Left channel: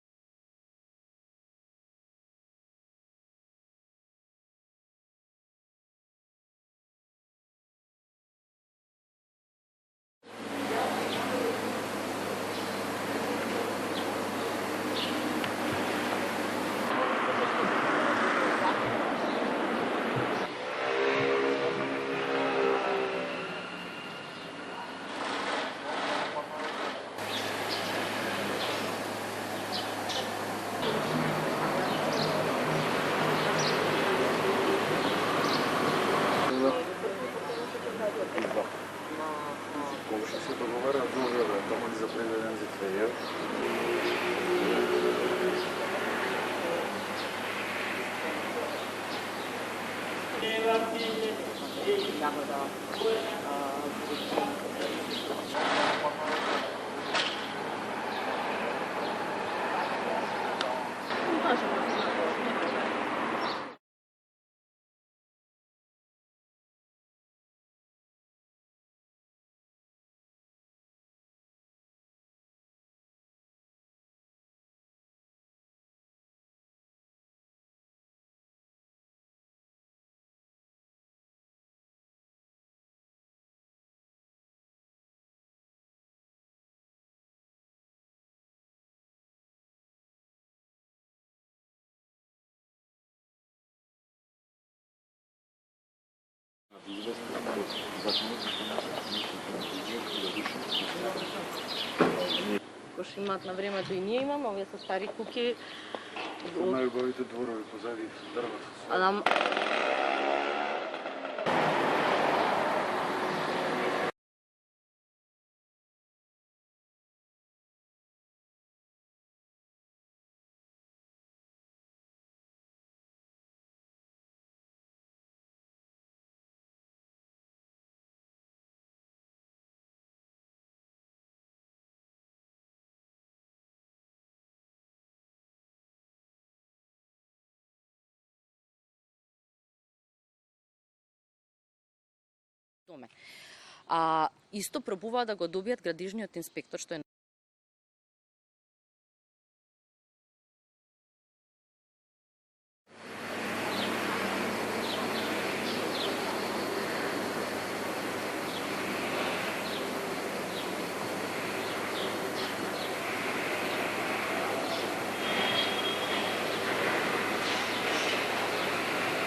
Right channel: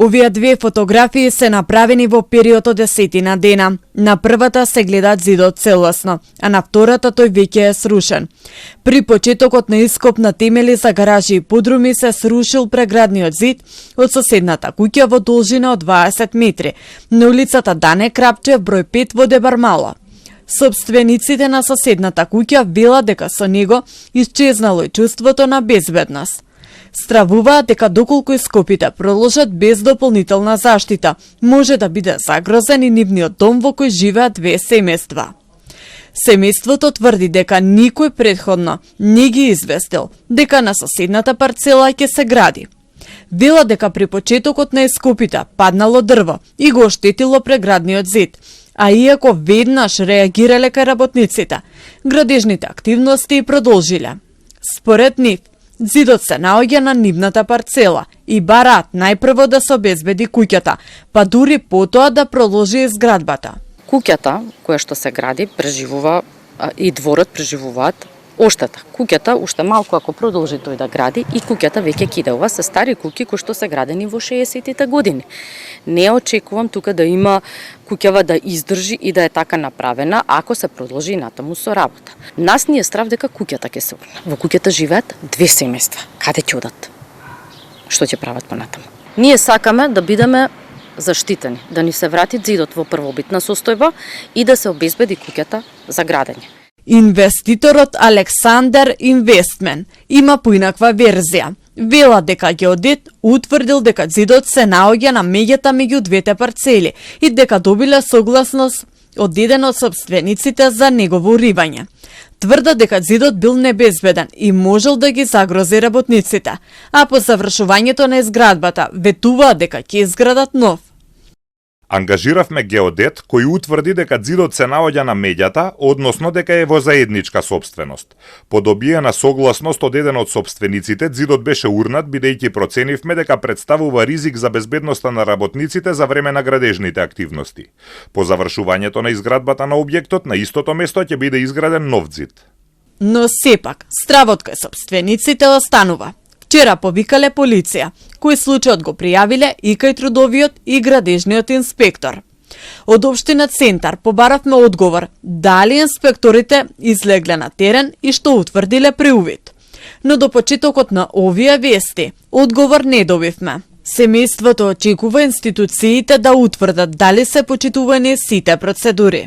Овие две фотографии се направени во период од 10 дена. На првата се гледа зидот целосно, а на втората тој веќе е срушен. При почетокот на ископ на темели за гаражи и подруми се срушил преградниот зид од соседната куќа во должина од 20 метри, на улицата Дане Крапчев, број 5 во Дебармало. Собствениците на соседната куќа велат дека со него исчезнало и чувството на безбедност. Стравуваат дека доколку ископите продолжат без дополнителна заштита, може да биде загрозен и нивниот дом во кој живеат две семејства. Семејството тврди дека никој претходно не ги известил дека на соседната парцела ќе се гради. Велат дека при почетокот на ископите паднало дрво и го оштетило преградниот зид, а иако веднаш реагирале кај работниците, градежните активности продолжиле. Според нив, зидот се наоѓа на нивната парцела и бараат најпрво да се обезбеди куќата, па дури потоа да продолжи изградбата. Куќата која што се гради преживува и дворот преживуваат оштета. Куќата уште малку ако продолжи тој да гради и куќата веќе кида. Ова се стари куќи кои што се градени во 60-тите години. Не очекувам тука да има куќава да издржи и да е така направена ако се продолжи натаму со работа. Нас ни е страв дека куќата ќе се урне. Во куќата живеат две семејства. Каде ќе одат? Што ќе прават понатаму? Ние сакаме да бидеме заштитени, да ни се врати зидот во првобитна состојба и да се обезбеди куќата за градење. Инвеститорот Александер Инвестмен има поинаква верзија. Вела дека геодет утврдил дека зидот се наоѓа на меѓата меѓу двете парцели и дека добиле согласност од еден од собствениците за негово уривање. Тврда дека зидот бил небезбеден и можел да ги загрози работниците, а по завршувањето на изградбата ветуваат дека ќе изградат нов. Ангажиравме геодет кој утврди дека зидот се наоѓа на меѓата, односно дека е во заедничка сопственост. По добиена согласност од еден од сопствениците, зидот беше урнат бидејќи проценивме дека представува ризик за безбедноста на работниците за време на градежните активности. По завршувањето на изградбата на објектот, на истото место ќе биде изграден нов зид. Но сепак, стравот кај собствениците останува. Вчера повикале полиција, кој случајот го пријавиле и кај трудовиот и градежниот инспектор. Од општина Центар побаравме одговор дали инспекторите излегле на терен и што утврдиле преувид. Но до почетокот на овие вести, одговор не добивме. Семејството очекува институциите да утврдат дали се почитувани сите процедури.